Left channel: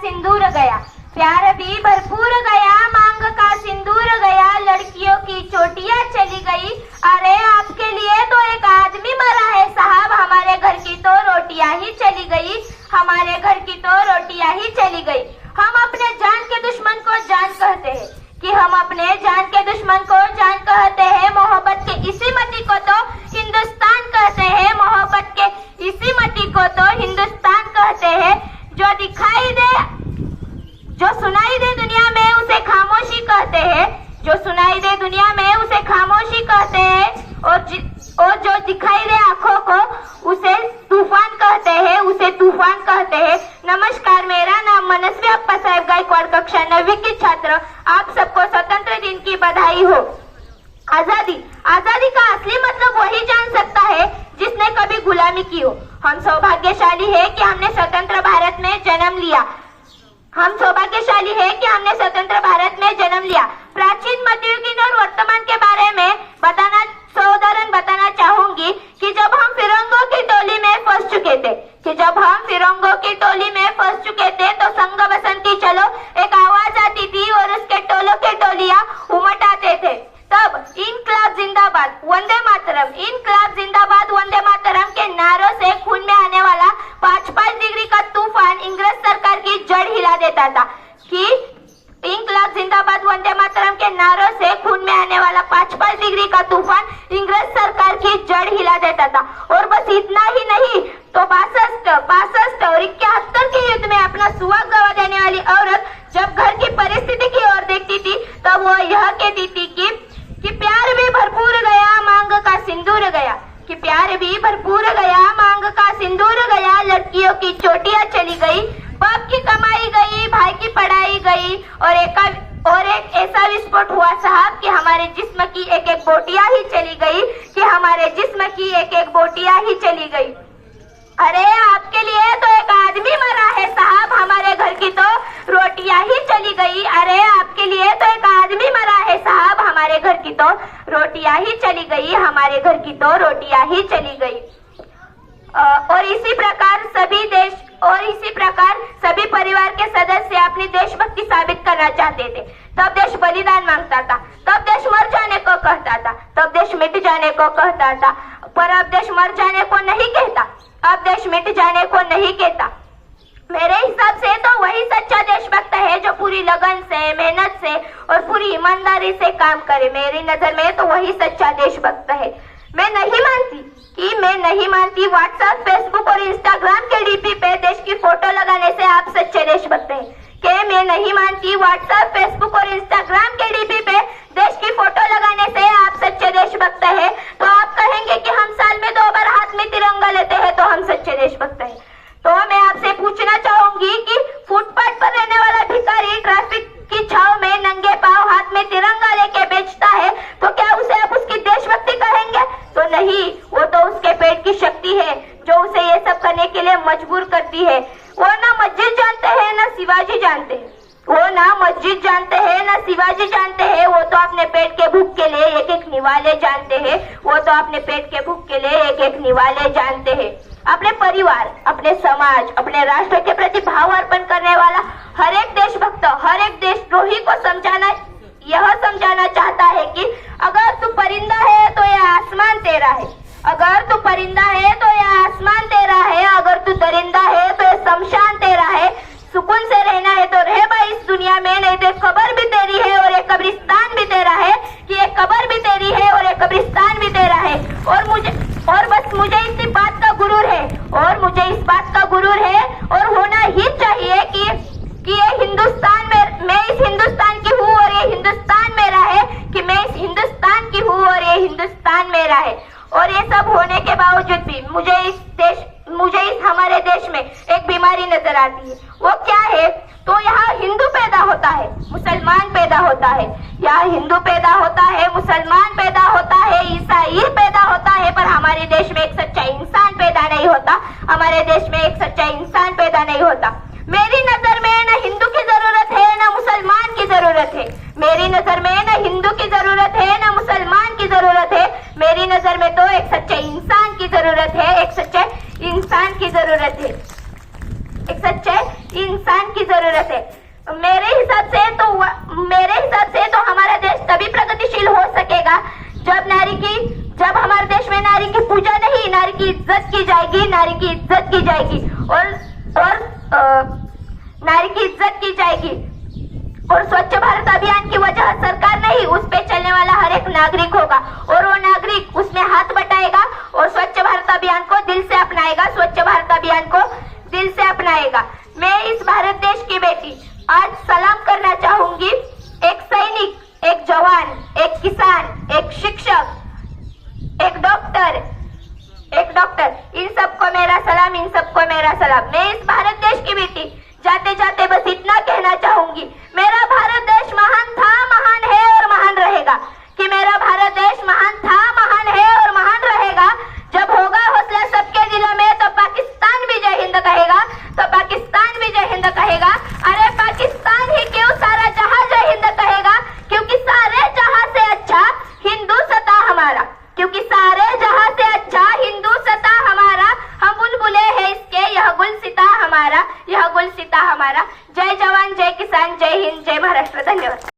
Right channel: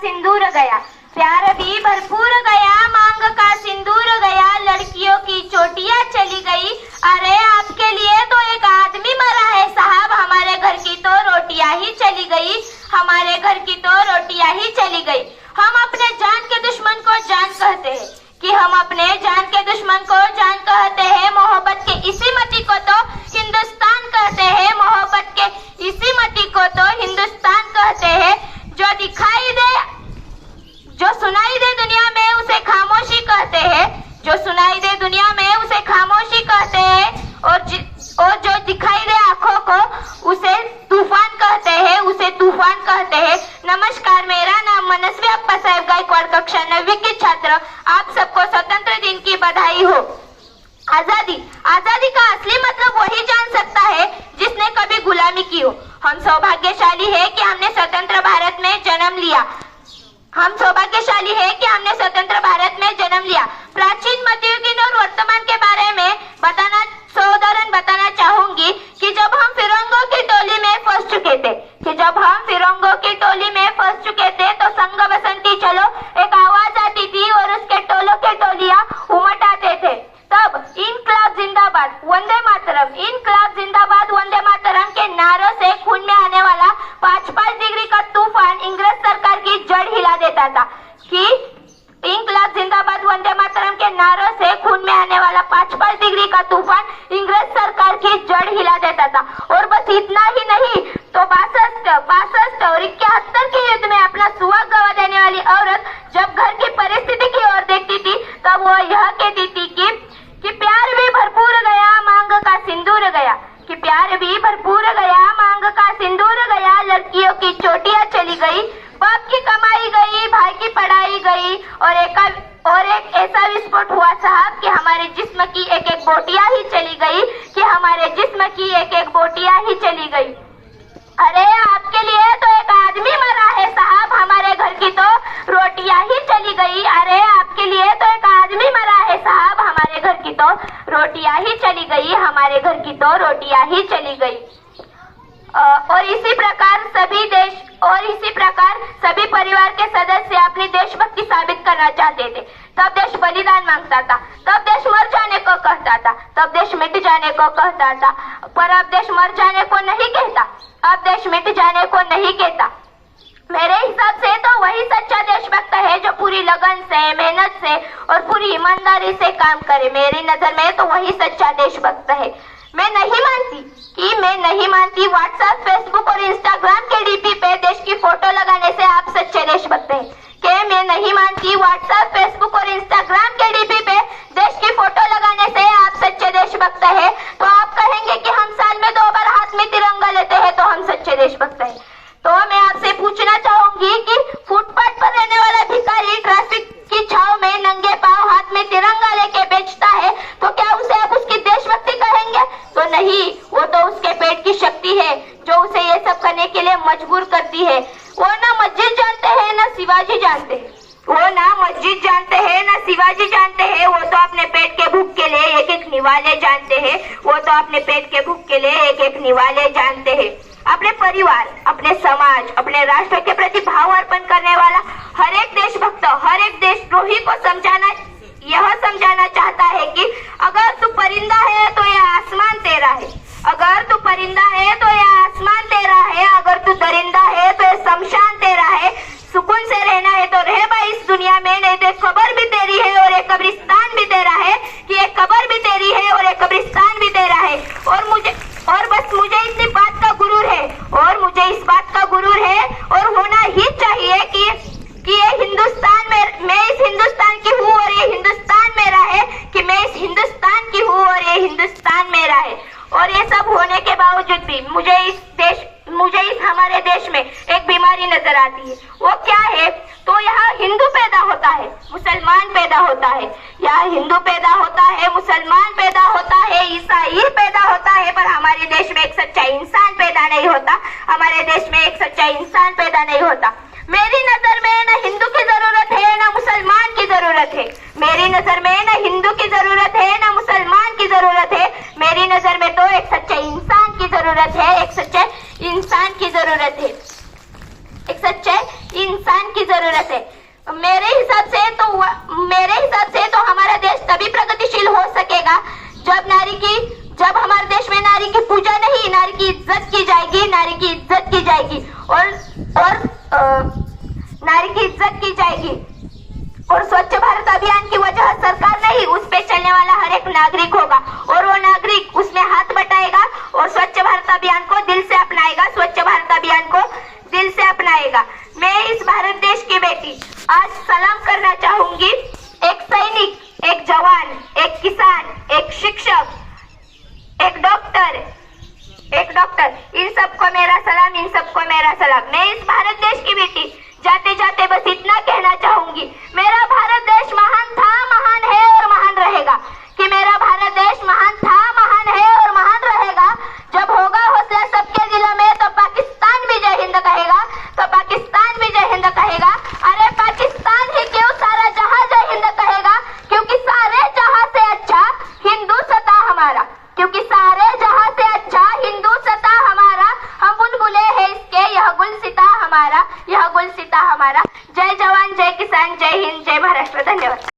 सिंदूर गया, प्यार भी भरपूर गया, मांग का सिंदूर गया, लड़कियों की चोटियां चली गई। अरे आपके लिए तो एक आदमी मरा है साहब, हमारे घर की तो रोटियां ही चली गई, हमारे घर की तो रोटियां ही चली गई। हम अपने जान के दुश्मन को जान कहते हैं कि हम अपने जान के दुश्मन को जान कहते हैं। मोहब्बत के इसी मट्टी को तो हिंदुस्तान कहते हैं, मोहब्बत के इसी मट्टी को तो हिंदुस्तान कहते हैं। जो दिखाई दे, जो सुनाई दे दुनिया में उसे खामोशी कहते हैं, जो सुनाई दे दुनिया में उसे खामोशी कहते हैं, और जो दिखाई दे आंखों को उसे तूफान कहते हैं, उसे तूफान कहते हैं। नमस्कार, मेरा नाम मनस्वी अप्पा साहेब गायकवाड़, कक्षा 9वीं की छात्र। आप सबको स्वतंत्र दिन की बधाई हो। आजादी, आजादी का असली मतलब वही जान सकता है जिसने कभी गुलामी की हो। हम सौभाग्यशाली है कि हमने स्वतंत्र भारत में जन्म लिया, हम सौभाग्यशाली है कि हमने स्वतंत्र भारत में जन्म लिया। प्राचीन, मध्ययुगीन और वर्तमान के बारे में उदाहरण बताना चाहूंगी कि जब हम फिरंगों की टोली में फंस चुके थे, तो संग बसंती चलो एक आवाज आती थी और उसके टोलों के टोलियां उमट आते थे। तब इनकलाब जिंदाबाद वंदे मातरम, इनकलाब जिंदाबाद वंदे मातरम के नारों से खून में आने वाला 5-5 डिग्री का तूफान इंग्रज सरकार की जड़ हिला देता था। कि इनकलाब जिंदाबाद वंदे मातरम के नारों से खून में आने वाला 5-5 डिग्री का तूफान इंग्रज सरकार की जड़ हिला देता था। और बस इतना ही नहीं, तो 62 और 71 के युद्ध में अपना सुहाग गवा देने वाली औरत जब घर की परिस्थिति की ओर देखती थी तब वो यह कहती थी कि प्यार भी भरपूर गया, मांग का सिंदूर गया, कि प्यार भी भरपूर गया, मांग का सिंदूर गया, लड़कियों की चोटियां चली गई, बाप की कमाई गई, भाई की पढ़ाई गई, और एक ऐसा विस्फोट हुआ साहब कि हमारे जिस्म की एक एक बोटियां ही चली गई, कि हमारे जिस्म की एक एक बोटियां ही चली गई। अरे आपके लिए तो एक आदमी मरा है साहब, हमारे घर की तो रोटियां ही चली गई। अरे आपके लिए तो एक आदमी मरा है साहब, हमारे घर की तो रोटियां ही चली गई, हमारे घर की तो रोटियां ही चली गई। और इसी प्रकार सभी परिवार के सदस्य अपनी देशभक्ति साबित करना चाहते थे। तब देश बलिदान मांगता था, तब देश मर जाने को कहता था, तब देश मिट जाने को कहता था, पर अब देश मर जाने को नहीं कहता, अब देश मिट जाने को नहीं कहता। मेरे हिसाब से तो वही सच्चा देशभक्त है जो पूरी लगन से, मेहनत से और पूरी ईमानदारी से काम करे। मेरी नजर में तो वही सच्चा देशभक्त है। मैं नहीं मानती व्हाट्सएप, फेसबुक और इंस्टाग्राम के डीपी पे देश की फोटो लगाने से आप सच्चे देशभक्त हैं। कि मैं नहीं मानती व्हाट्सएप, फेसबुक और इंस्टाग्राम के डीपी पे देश की फोटो लगाने से आप सच्चे देशभक्त हैं। तो आप कहेंगे कि हम साल में 2 बार हाथ में तिरंगा लेते हैं तो हम सच्चे देशभक्त हैं। तो मैं आपसे पूछना चाहूंगी कि फुटपाथ पर रहने वाला भिखारी ट्रैफिक की छाव में नंगे पांव हाथ में तिरंगा लेके बेचता है, तो क्या उसे आप उसकी देशभक्ति कहेंगे? तो नहीं, वो तो उसके पेट की शक्ति है जो उसे ये सब करने के लिए मजबूर करती है। वो ना मस्जिद जानते हैं ना शिवाजी जानते हैं, वो ना मस्जिद जानते हैं ना शिवाजी जानते हैं, वो तो अपने पेट के भूख के लिए एक एक निवाले जानते हैं, वो तो अपने पेट के भूख के लिए एक एक निवाले जानते हैं। अपने परिवार, अपने समाज, अपने राष्ट्र के प्रति भाव अर्पण करने वाला हर एक देशभक्त, हर एक देशद्रोही को यह समझाना चाहता है कि अगर तू परिंदा है तो यह आसमान तेरा है, अगर तू परिंदा है तो यह आसमान तेरा है, अगर तू दरिंदा है तो यह शमशान तेरा है। सुकून से रहना है तो रह भाई इस दुनिया में, नहीं तो कब्र भी तेरी है और एक कब्रिस्तान भी तेरा है, कि एक कब्र भी तेरी है और एक कब्रिस्तान भी तेरा है। और बस मुझे इसी बात का गुरूर है, और मुझे इस बात का गुरूर है और होना ही चाहिए कि ये हिंदुस्तान में, मैं इस हिंदुस्तान की हूँ और ये हिंदुस्तान मेरा है, कि मैं इस हिंदुस्तान की हूँ और ये हिंदुस्तान मेरा है। और ये सब होने के बावजूद भी मुझे इस हमारे देश में एक बीमारी नजर आती है। वो क्या है? तो यहाँ हिंदू पैदा होता है, मुसलमान पैदा होता है, यहाँ हिंदू पैदा होता है, मुसलमान पैदा होता है, ईसाई पैदा होता है, पर हमारे देश में एक सच्चा इंसान पैदा नहीं होता, हमारे देश में एक सच्चा इंसान पैदा नहीं होता। मेरी नजर में न हिंदू की जरूरत है न मुसलमान की जरूरत है, मेरी नजर में न हिंदू की जरूरत है न मुसलमान की जरूरत है, मेरी नजर में तो एक सच्चे इंसान की जरूरत है, एक सच्चे इंसान की जरूरत है, एक सच्चे इंसान की जरूरत है। मेरे हिसाब से तो हमारा देश तभी प्रगतिशील हो सकेगा जब हमारे देश में नारी की पूजा नहीं, नारी की इज्जत की जाएगी, नारी की इज्जत की जाएगी नारी की इज्जत की जाएगी। और स्वच्छ भारत अभियान की वजह सरकार नहीं, उस पे चलने वाला हर एक नागरिक होगा और वो नागरिक उसमें हाथ बटाएगा और स्वच्छ भारत अभियान को दिल से अपनाएगा, स्वच्छ भारत अभियान को दिल से अपनाएगा। मैं इस भारत देश की बेटी आज सलाम करना चाहूंगी। एक सैनिक, एक जवान, एक किसान, एक शिक्षक, एक डॉक्टर, इन सबको मेरा सलाम, इन सबको मेरा सलाम। मैं इस भारत देश की बेटी जाते जाते बस इतना कहना चाहूंगी, मेरा भारत देश महान था, महान है और महान रहेगा। कि मेरा भारत देश महान था, महान है और महान रहेगा। जब होगा हौसला सबके दिलों में तो पाकिस्तान भी जय हिंद कहेगा, तो पाकिस्तान भी जय हिंद कहेगा। अरे पाकिस्तान ही क्यों, सारा जहां जय हिंद कहेगा, क्योंकि सारे जहां से अच्छा हिंदू सता हमारा, क्योंकि सारे जहां से अच्छा हिंदू सता हमारा। हम बुलबुले हैं इसके, यह गुलसिता हमारा, यह गुलसिता हमारा। जय जवान, जय किसान, जय हिंद, जय महाराष्ट्र। धन्यवाद।